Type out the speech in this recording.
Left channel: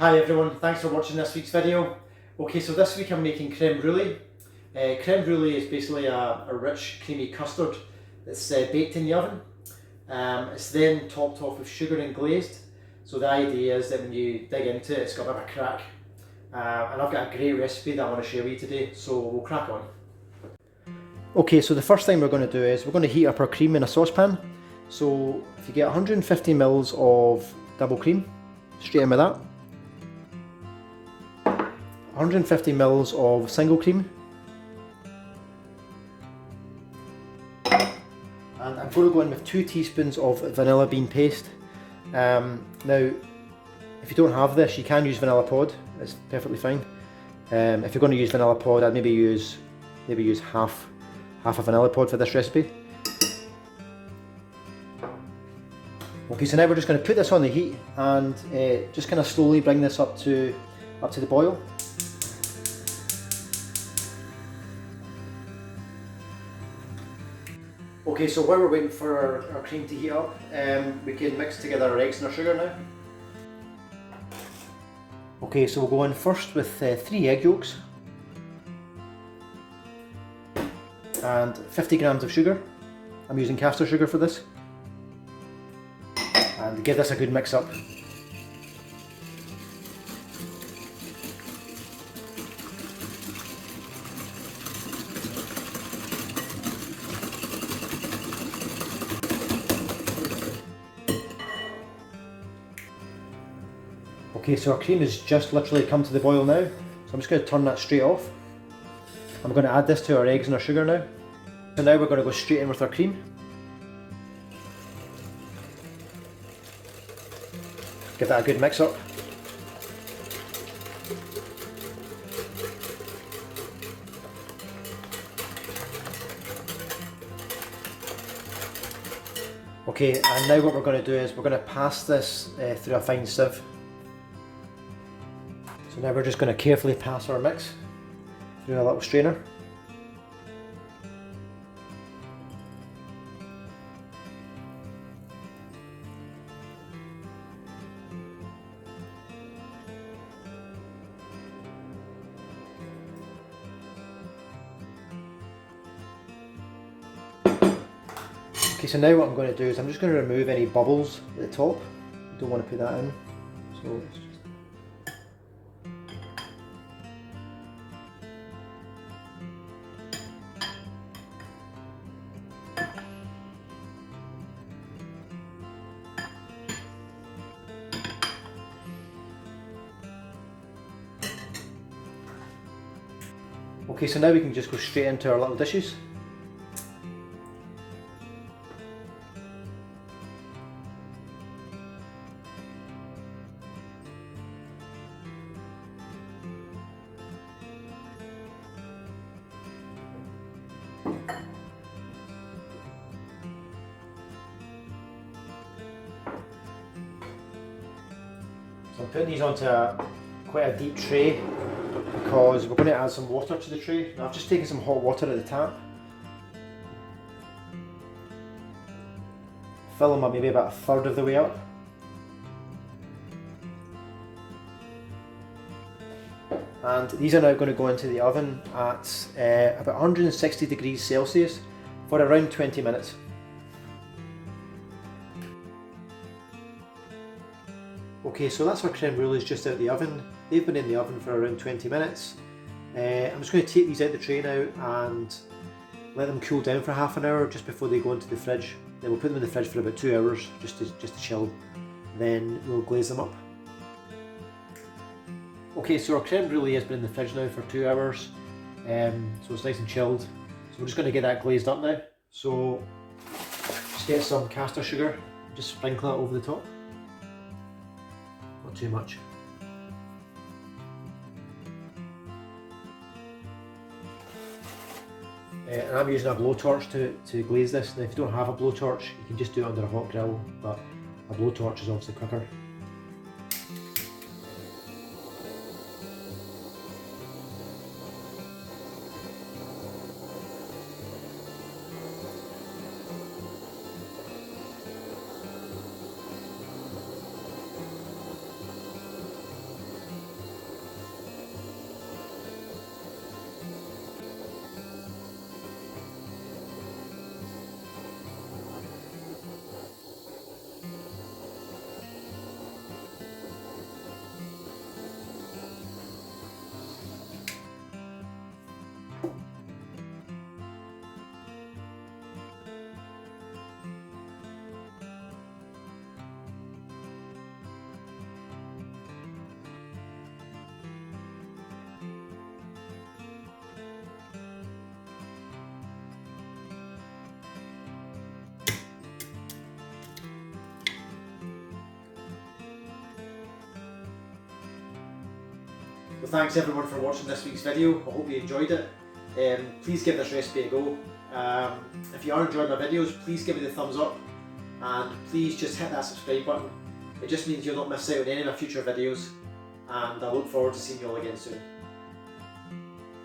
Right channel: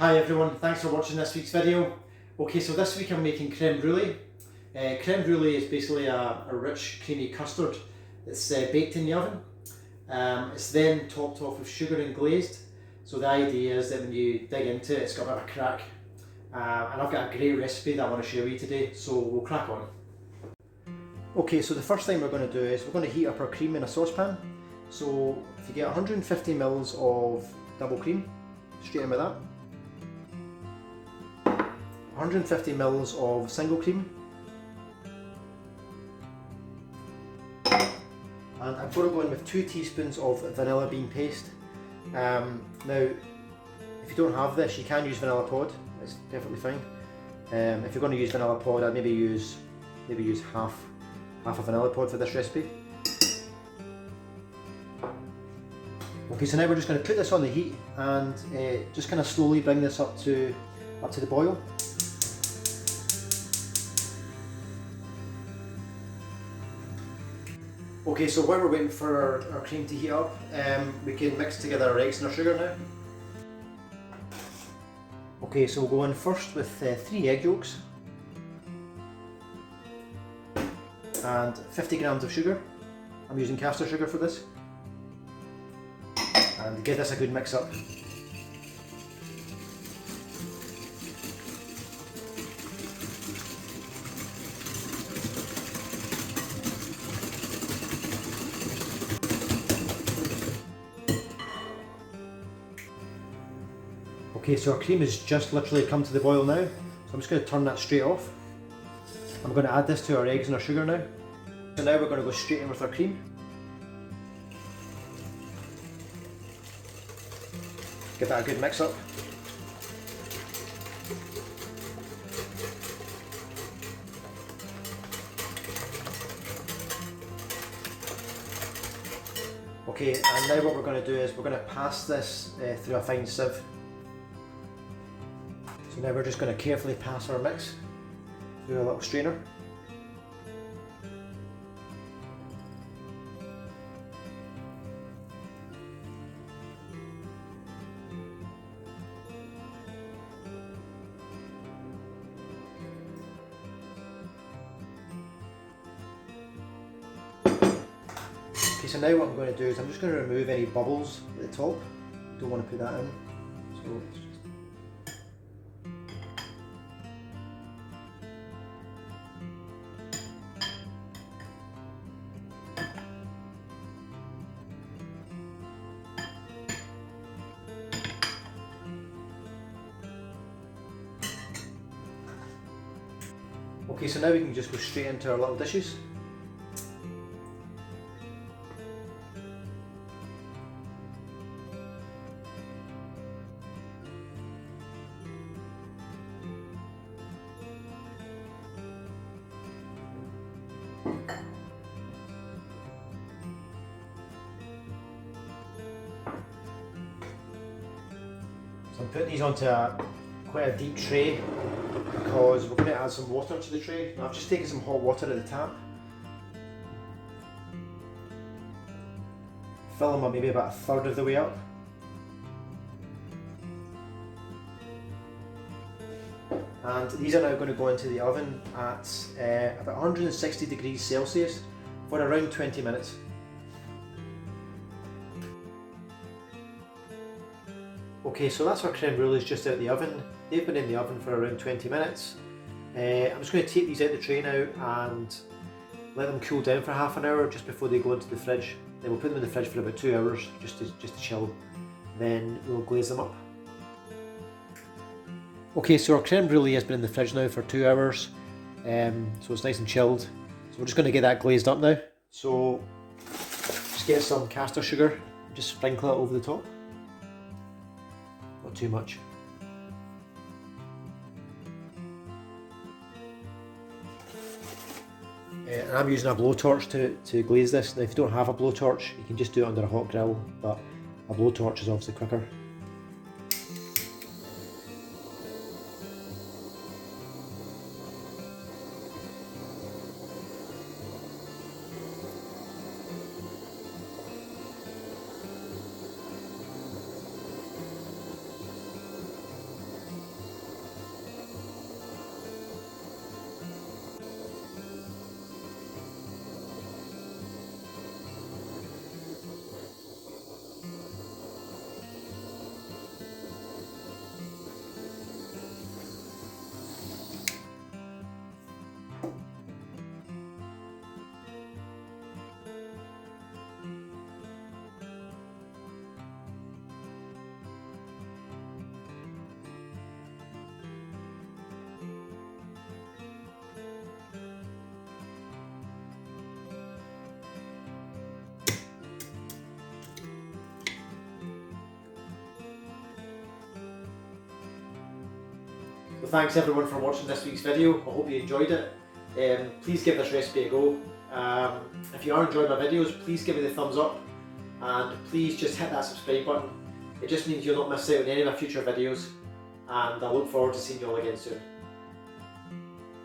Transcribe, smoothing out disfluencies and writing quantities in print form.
Hi everyone, thanks for watching this week's video. Okay, so this week I'm making creme brulee. Creme brulee is basically a rich creamy custard that's baked in the oven. It's then topped off with sugar and glazed. So the idea is that when you dig into it, it's got a bit of a crack. And I've got a great recipe that I want to share with you today, so we'll crack on. Okay, so the first thing we're going to do is we're going to heat up our cream in a saucepan. So if you get 150 ml of double cream, straight in with that. 150 ml of single cream, and I'm going to go in with 2 teaspoons of vanilla bean paste. Now, if you don't have this, you can use vanilla pod. It's perfectly fine. If you're going to use vanilla pod, I'd maybe use half a vanilla pod for this recipe. Okay, so now we're just going to put this on the heat and just kind of slowly bring this up to the boil. Okay, so while we're waiting for our cream to heat up, we can mix together our eggs and our sugar now. Okay, so we'll go in first with 3 egg yolks and 50 grams of sugar. I'm using caster sugar for this. And give this a good mix up. Okay, so our cream has just literally come to the boil now, so I'm just going to turn that straight off. I'm going to add this to our eggs and our sugar now. So now we're going to go straight in with our cream. Give that a good mix up. Okay, and now what we're going to do is we're going to pass this through a fine sieve. So now we're just going to carefully pass our mix through a little strainer. Okay, so now what I'm going to do is I'm just going to remove any bubbles at the top. Don't want to put that in. So it's just... Okay, so now we can just go straight into our little dishes. So I'm putting these onto quite a deep tray because we're going to add some water to the tray. Now I've just taken some hot water at the tap. Fill them up maybe about 1/3 of the way up. And these are now going to go into the oven at about 160 degrees Celsius for around 20 minutes. Okay, so that's our creme brulees just out of the oven. They've been in the oven for around 20 minutes. I'm just going to take these out the tray now and let them cool down for half an hour just before they go into the fridge. Then we'll put them in the fridge for about 2 hours just to chill. Then we'll glaze them up. Okay, so our creme brulee has been in the fridge now for 2 hours, so it's nice and chilled. So we're just going to get that glazed up now. So just get some caster sugar and just sprinkle it over the top. Not too much. And I'm using a blowtorch to glaze this. Now if you don't have a blowtorch, you can just do it under a hot grill, but a blowtorch is obviously quicker. Well, thanks everyone for watching this week's video. I hope you enjoyed it. Please give this recipe a go. If you are enjoying my videos, please give me the thumbs up and please just hit that subscribe button. It just means you'll not miss out on any of my future videos, and I look forward to seeing you all again soon.